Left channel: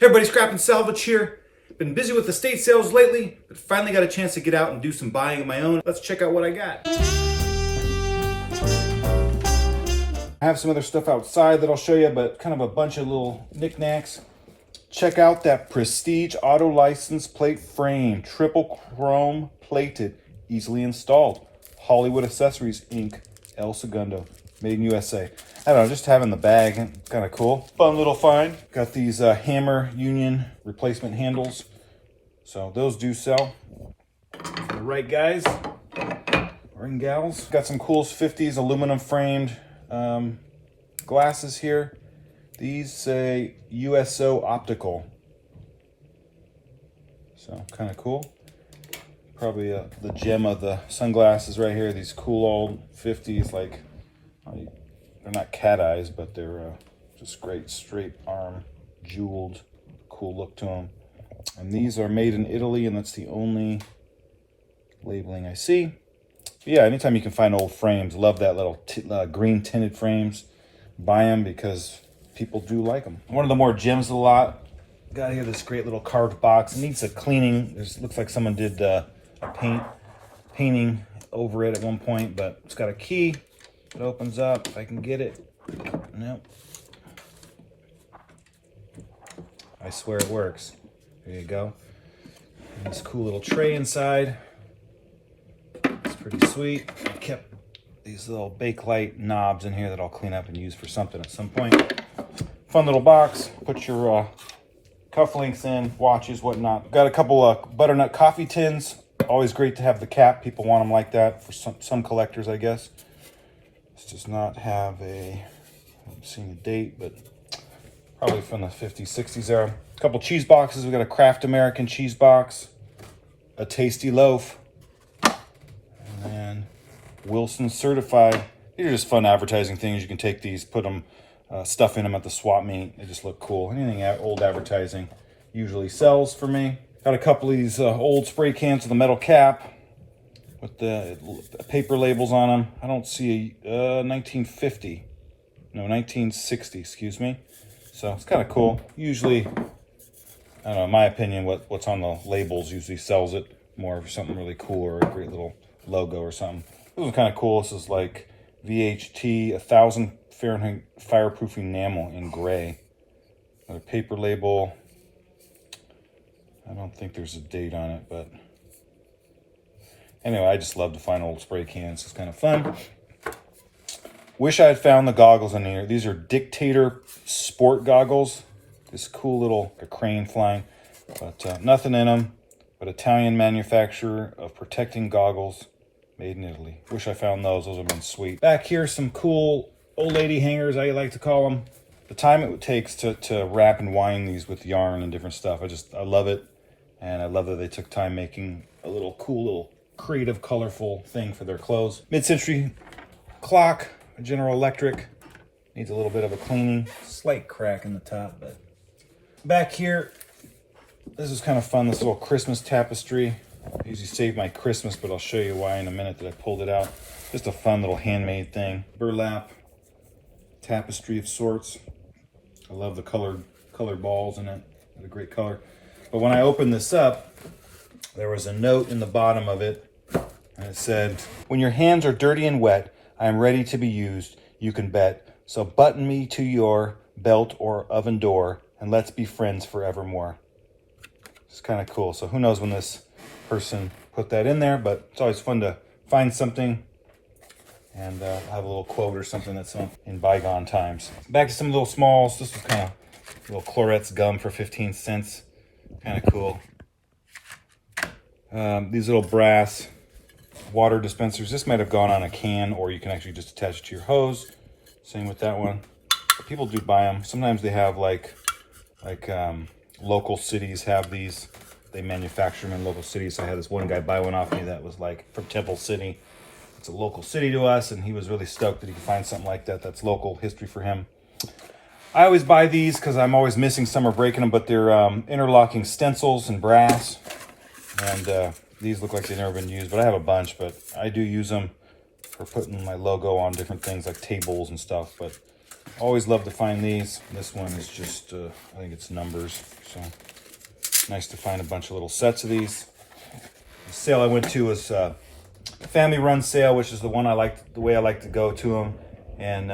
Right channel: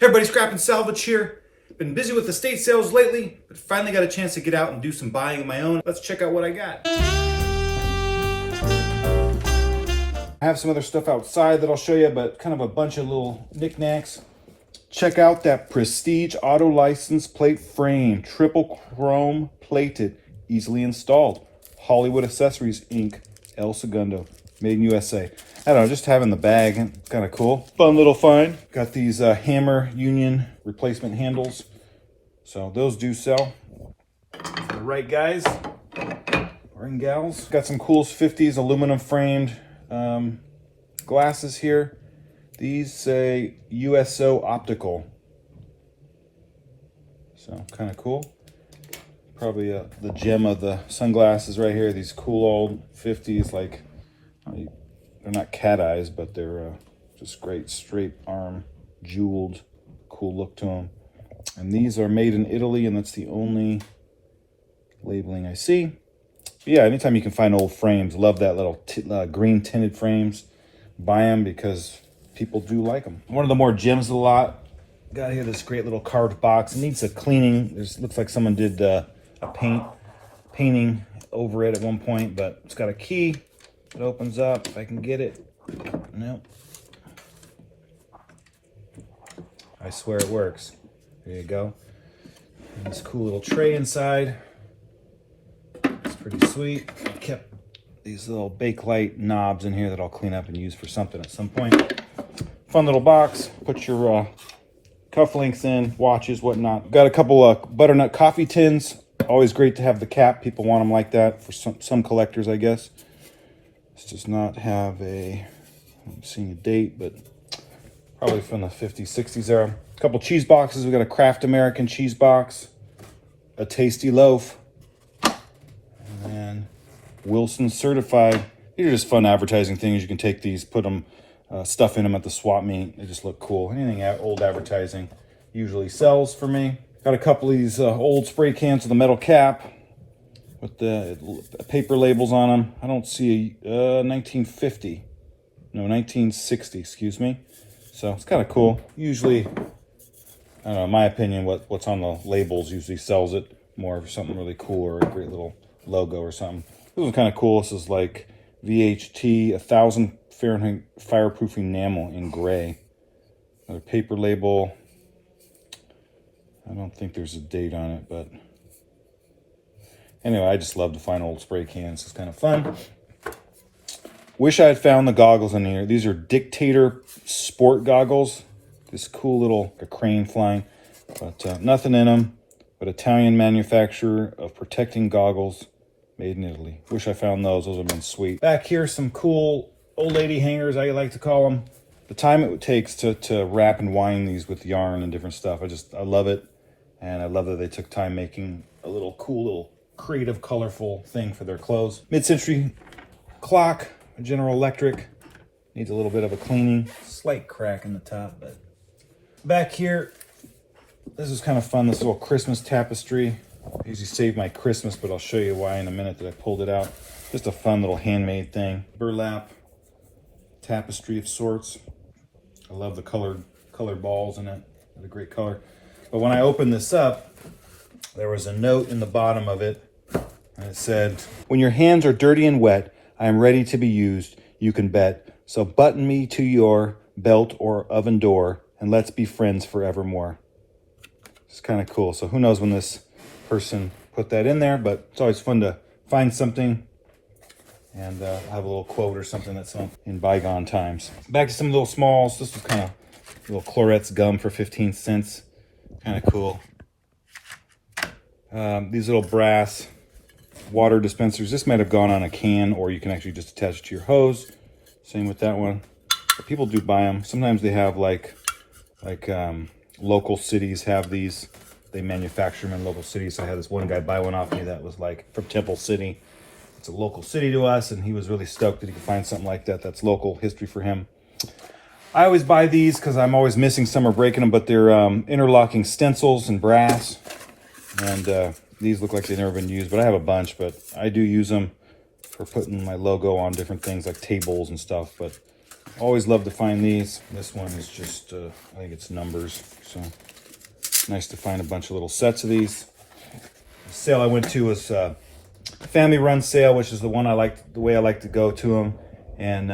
Hey everybody, Scrap and Salvage here. Been busy with estate sales lately, but finally got a chance to get out and do some buying of my own. Let's check out what I got. I have some other stuff outside that I'll show you, but kind of a bunch of little knickknacks. Check out that Prestige auto license plate frame, triple chrome plated, easily installed. Hollywood Accessories Inc., El Segundo, made in USA. I don't know, just having the bag, kind of cool. Fun little find. Got these Hammer Union replacement handles. So those do sell. For the right guys or in gals. Got some cool 50s aluminum framed glasses here. These say USO Optical. So kind of cool. Probably the gem of the sunglasses right here. These cool old 50s, like, they're not cat eyes, but they're just great straight arm, jeweled, cool look to them. And these are made in Italy, and that's the only labeling I see. But yeah, anytime you can find old frames, love that little green tinted frames. Buy them because people do like them. One of the more gems of the lot. Got here this great little carved box. It needs a cleaning. Looks like someone did a painting over it at one point, but it's got a key. It opens up, if I can get it. Nope. I swear it works. There you go. And this cool little tray inside. It's pretty sweet. I kept these little Bakelite knobs in here that I'll clean up and use for something at some point. Fun little box. Put your cufflinks in, watches, whatnot. Got a couple of butternut coffee tins. Always great to have the cap. People want them like that for some collectors, I guess. This does not have a, I haven't seen a date, but probably from the 50s, 60s era. A couple cheese boxes. We got a Kraft American cheese box, a Tasty Loaf, and then Wilson Certified. These are just fun advertising things. You can take these, put them, stuff in them at the swap meet. They just look cool. Anything old advertising usually sells for me. Got a couple of these old spray cans with a metal cap with the paper labels on them. I don't see a 1950. No, 1960, excuse me. So it's kind of cool. Usually, I don't know, in my opinion, what's on the labels usually sells it more for something really cool or a great little logo or something. This is kind of cool. This is like VHT 1000 Fahrenheit fireproof enamel in gray. A paper label. I don't think there's a date on it, but anyway, I just love to find old spray cans. It's kind of fun. Wish I had found the goggles in here. These are Dictator sport goggles. This cool little crane flying, but nothing in them. But Italian manufacturer of protecting goggles, made in Italy. Wish I found those. Those would have been sweet. Back here, some cool old lady hangers, I like to call them. The time it takes to wrap and wind these with yarn and different stuff, I love it. And I love that they took time making a little cool, little creative, colorful thing for their clothes. Mid-century clock, General Electric. Needs a little bit of a cleaning. Slight crack in the top, but back here, this is kind of fun, this little Christmas tapestry. I usually save my Christmas, but I'll show you why in a minute that I pulled it out. Just a fun little handmade thing. Burlap tapestry of sorts. I love the colored balls in it. What a great color. But when I opened this up, there was a note in the bottom of it, and it said, "When your hands are dirty and wet, I am ready to be used, you can bet. So button me to your belt or oven door, and let's be friends forevermore." It's kind of cool. So who knows when this person put that in there, but it's always fun to find something and have a little quote or something that's in bygone times. Back to some little smalls. This is kind of little Clorets gum for 15 cents. Kind of cool. These little brass water dispensers. This might have gone on a can, or you can actually just attach it to your hose. Same with that one. But people do buy them. Sometimes they have like local cities have these. They manufacture them in local cities. So I had this one guy buy one off me that was like from Temple City. It's a local city to us, and he was really stoked that he could find something like that. That's local history for him. I always buy these because I'm always missing some or breaking them, but they're interlocking stencils in brass. And these look like they've never been used, but I have a bunch, but I do use them for putting my logo on different things like tables and stuff. But Always love to find these. This one is just, I think it's numbers. So nice to find a bunch of little sets of these. The sale I went to was family run sale, which is the one I like, the way I like to go to them. And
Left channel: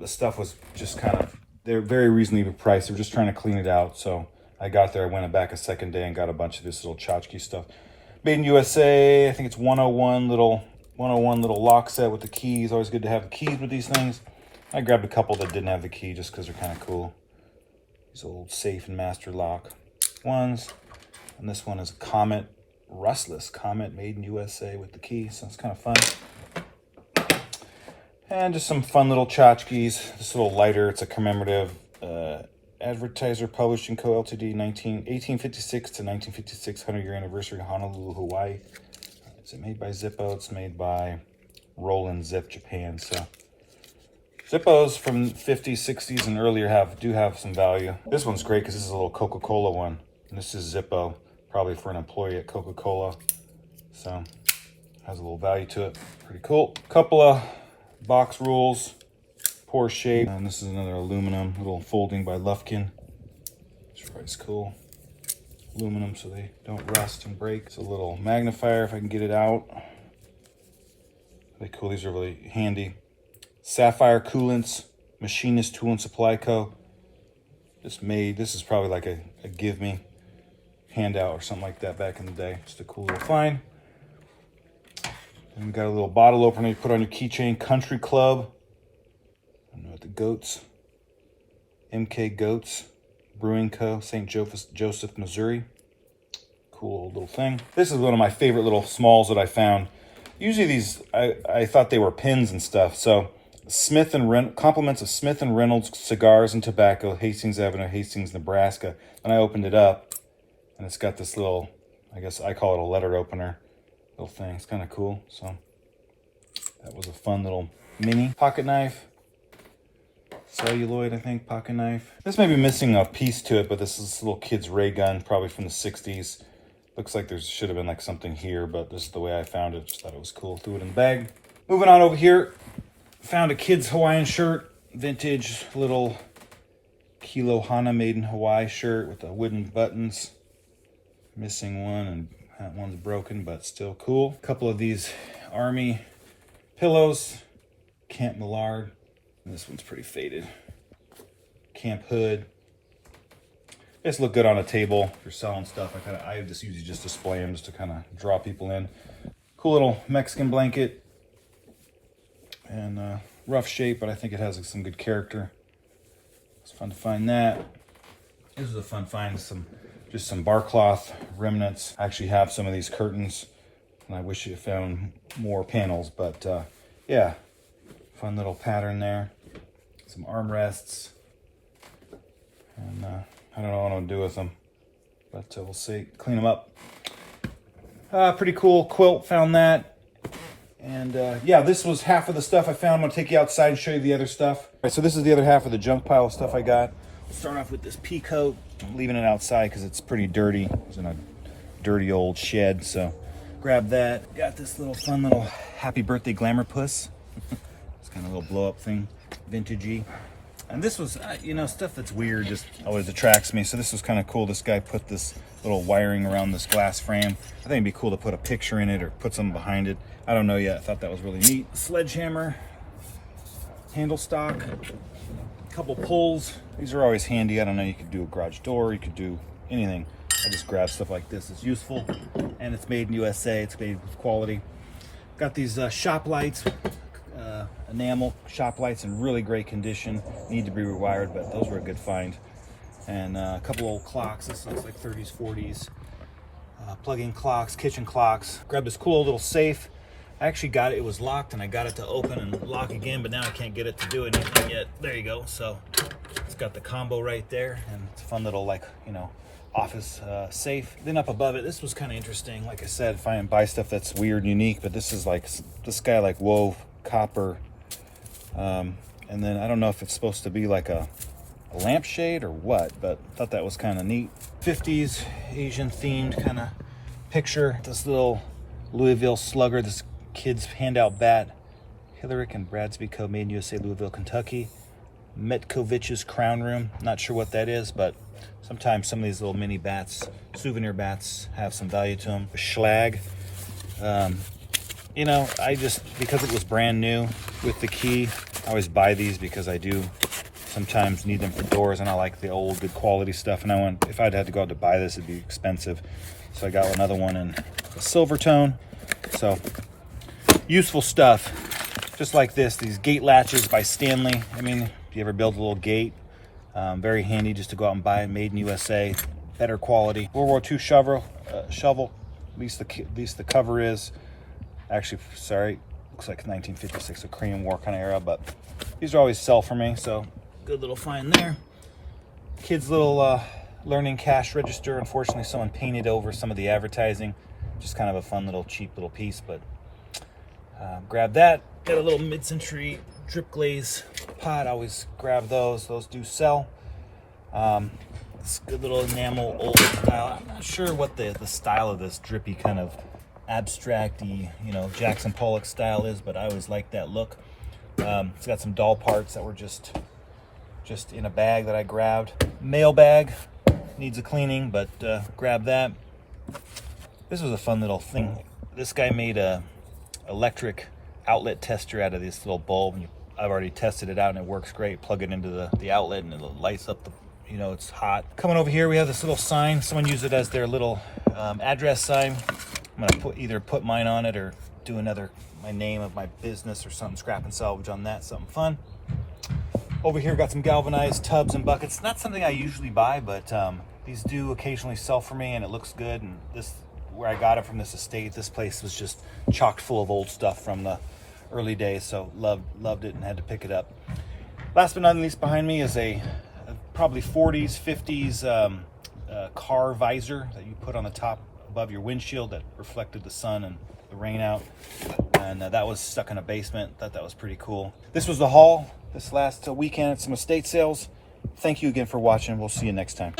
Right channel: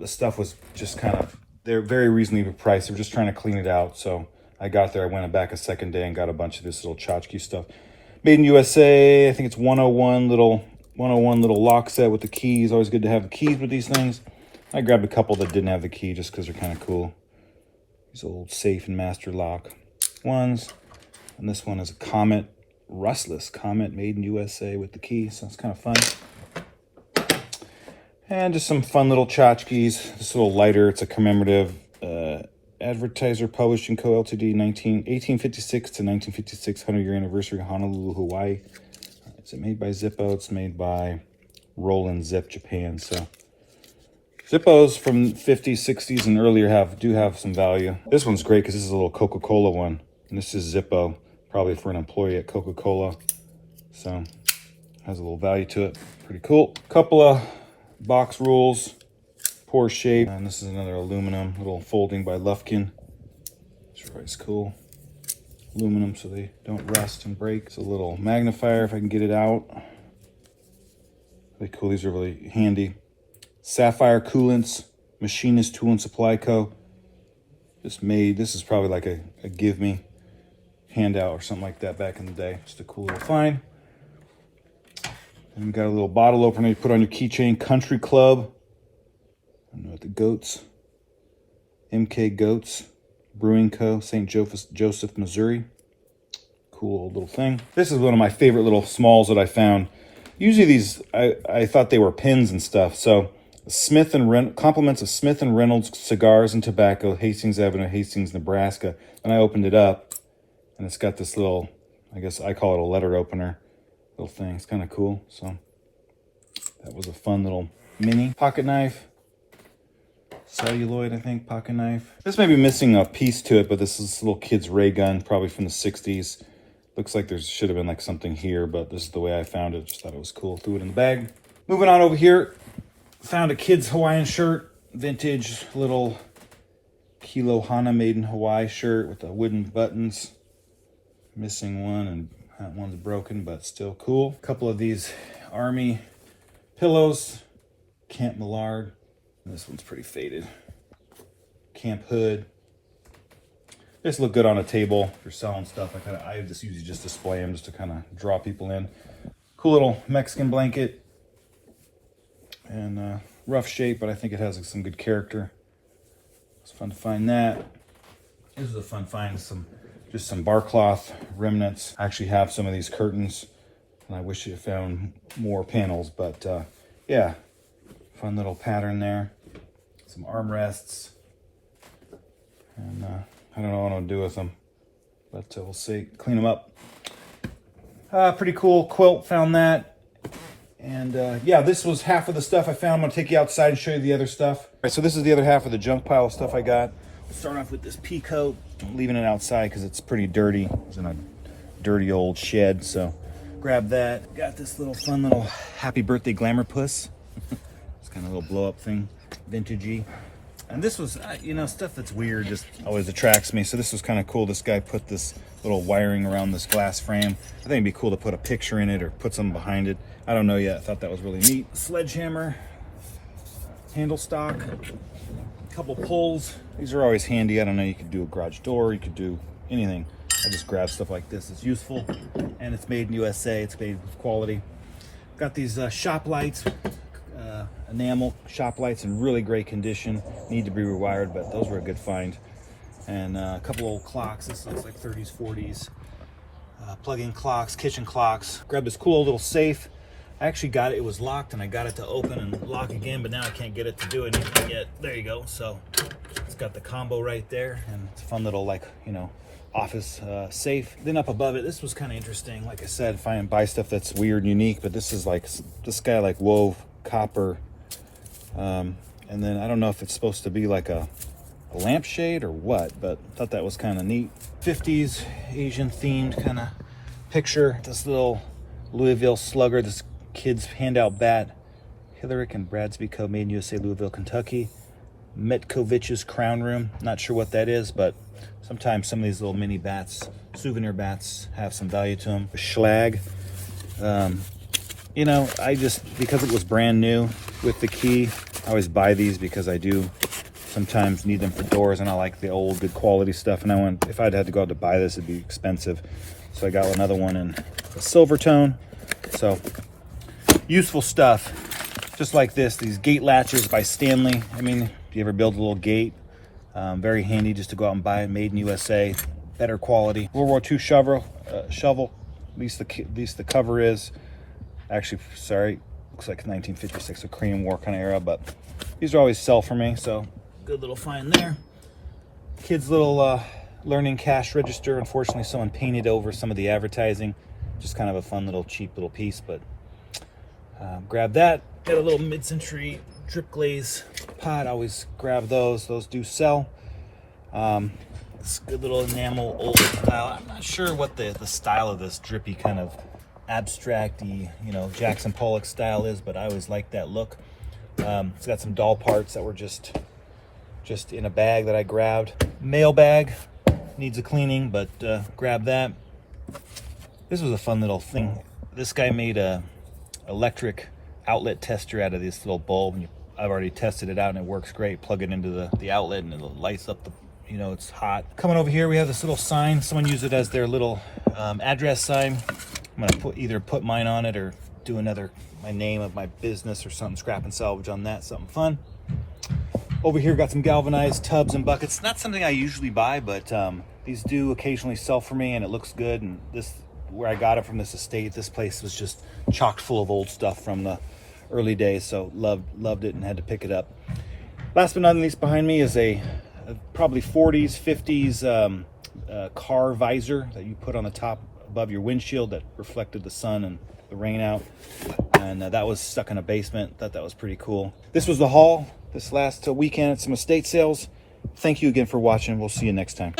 the stuff was just kind of, they're very reasonably priced. They're just trying to clean it out. So I got there, I went back a second day and got a bunch of this little tchotchke stuff. Made in USA. I think it's 101 little lock set with the keys. Always good to have the keys with these things. I grabbed a couple that didn't have the key just because they're kind of cool. There's a little safe and master lock ones. And this one is a Comet, rustless Comet, made in USA with the key. So it's kind of fun. And just some fun little tchotchkes. This little lighter. It's a commemorative Advertiser Publishing Co. Ltd. 1856 to 1956 100-year anniversary, Honolulu, Hawaii. It's made by Zippo. It's made by Roland Zip, Japan. So Zippos from 50s, 60s, and earlier do have some value. This one's great because this is a little Coca-Cola one. And this is Zippo, probably for an employee at Coca-Cola. So has a little value to it. Pretty cool. Couple of box rules. Poor shape. And this is another aluminum, little folding by Lufkin. It's cool. Aluminum so they don't rust and break. It's a little magnifier if I can get it out. Really cool. These are really handy. Sapphire coolants, Machinist Tool and Supply Co. This is probably like a give me handout or something like that back in the day. It's the cool little find. And we got a little bottle opener you put on your keychain. Country Club. I don't know what the goats. MK Goats. Brewing Co. St. Joseph, Missouri. Cool old little thing. This is one of my favorite little smalls that I found. Usually these, I thought they were pins and stuff. So compliments of Smith & Reynolds Cigars and Tobacco, Hastings Avenue, Hastings, Nebraska. And I opened it up, and it's got this little, I guess I call it a letter opener little thing. It's kind of cool. So that was a fun little mini pocket knife. Celluloid, I think, pocket knife. This may be missing a piece to it, but this is this little kid's ray gun, probably from the 60s. Looks like there should have been like something here, but this is the way I found it. Just thought it was cool. Threw it in the bag. Moving on over here. Found a kid's Hawaiian shirt. Vintage little Kilo Hana made in Hawaii shirt with the wooden buttons. Missing one, and that one's broken, but still cool. A couple of these Army pillows. Camp Millard. This one's pretty faded. Camp Hood. This look good on a table if you're selling stuff. I just usually just display them just to kind of draw people in. Cool little Mexican blanket. And rough shape, but I think it has some good character. It's fun to find that. This is a fun find. Just some bar cloth remnants. I actually have some of these curtains, and I wish you had found more panels, but yeah, fun little pattern there. Some armrests, and I don't know what I'll do with them, but we'll see. Clean them up. Pretty cool quilt, found that. And yeah, this was half of the stuff I found. I'm gonna take you outside and show you the other stuff. All right, so this is the other half of the junk pile of stuff I got. Start off with this pea coat. I'm leaving it outside because it's pretty dirty. It's in a dirty old shed, so grab that. Got this little fun little happy birthday glamour puss. It's kind of a little blow up thing, vintagey. And this was, you know, stuff that's weird just always attracts me. So this was kind of cool. This guy put this little wiring around this glass frame. I think it'd be cool to put a picture in it or put something behind it. I don't know yet. I thought that was really neat. Sledgehammer, handle stock, a couple pulls. These are always handy. I don't know, you could do a garage door, you could do anything. I just grab stuff like this. It's useful, and it's made in USA. It's made with quality. Got these shop lights, enamel shop lights in really great condition. Need to be rewired, but those were a good find. And a couple old clocks. This looks like 30s, 40s. Plug-in clocks, kitchen clocks. Grabbed this cool little safe. I actually got it. It was locked, and I got it to open and lock again, but now I can't get it to do anything yet. There you go. So it's got the combo right there, and it's a fun little, like, you know, office safe. Then up above it, this was kind of interesting. Like I said, if I buy stuff that's weird and unique, but this is like, this guy like wove copper. And then I don't know if it's supposed to be like a lampshade or what, but I thought that was kind of neat. 50s Asian themed kind of picture. This little Louisville Slugger, this kid's handout bat. Hillerick and Bradsby Co. Made in USA, Louisville, Kentucky. Metkovich's Crown Room. Not sure what that is, but sometimes some of these little mini bats, souvenir bats, have some value to them. Schlag. You know, I just, because it was brand new with the key, I always buy these because I do sometimes need them for doors, and I like the old good quality stuff, and I want, if I'd had to go out to buy this, it'd be expensive. So I got another one in a silver tone. So useful stuff. Just like this, these gate latches by Stanley. I mean, if you ever build a little gate, very handy just to go out and buy it. Made in USA, better quality. World War II shovel. At least the cover is. Actually, sorry, looks like 1956, a Korean War kind of era, but these are always sell for me, so good little find there. Kids' little learning cash register. Unfortunately, someone painted over some of the advertising. Just kind of a fun little cheap little piece, but grab that. Got a little mid-century drip glaze pot. I always grab those. Those do sell. This good little enamel old style. I'm not sure what the style of this drippy kind of abstract-y, you know, Jackson Pollock style is, but I always like that look. It's got some doll parts that were just in a bag that I grabbed. Mail bag, needs a cleaning, but grab that. This was a fun little thing. This guy made a electric outlet tester out of this little bulb. I've already tested it out and it works great. Plug it into the outlet and it lights up the, you know, it's hot. Coming over here, we have this little sign. Someone used it as their little address sign. I'm gonna either put mine on it or do my name of my business or something, scrap and salvage on that, something fun. Over here, got some galvanized tubs and buckets. Not something I usually buy, but these do occasionally sell for me, and it looks good. And this, where I got it from this estate, this place was just chocked full of old stuff from the early days, so loved it and had to pick it up. Last but not least, behind me is a probably 40s, 50s car visor that you put on the top above your windshield that reflected the sun and the rain out, and that was stuck in a basement. Thought that was pretty cool. This was the haul this last weekend at some estate sales. Thank you again for watching. We'll see you next time.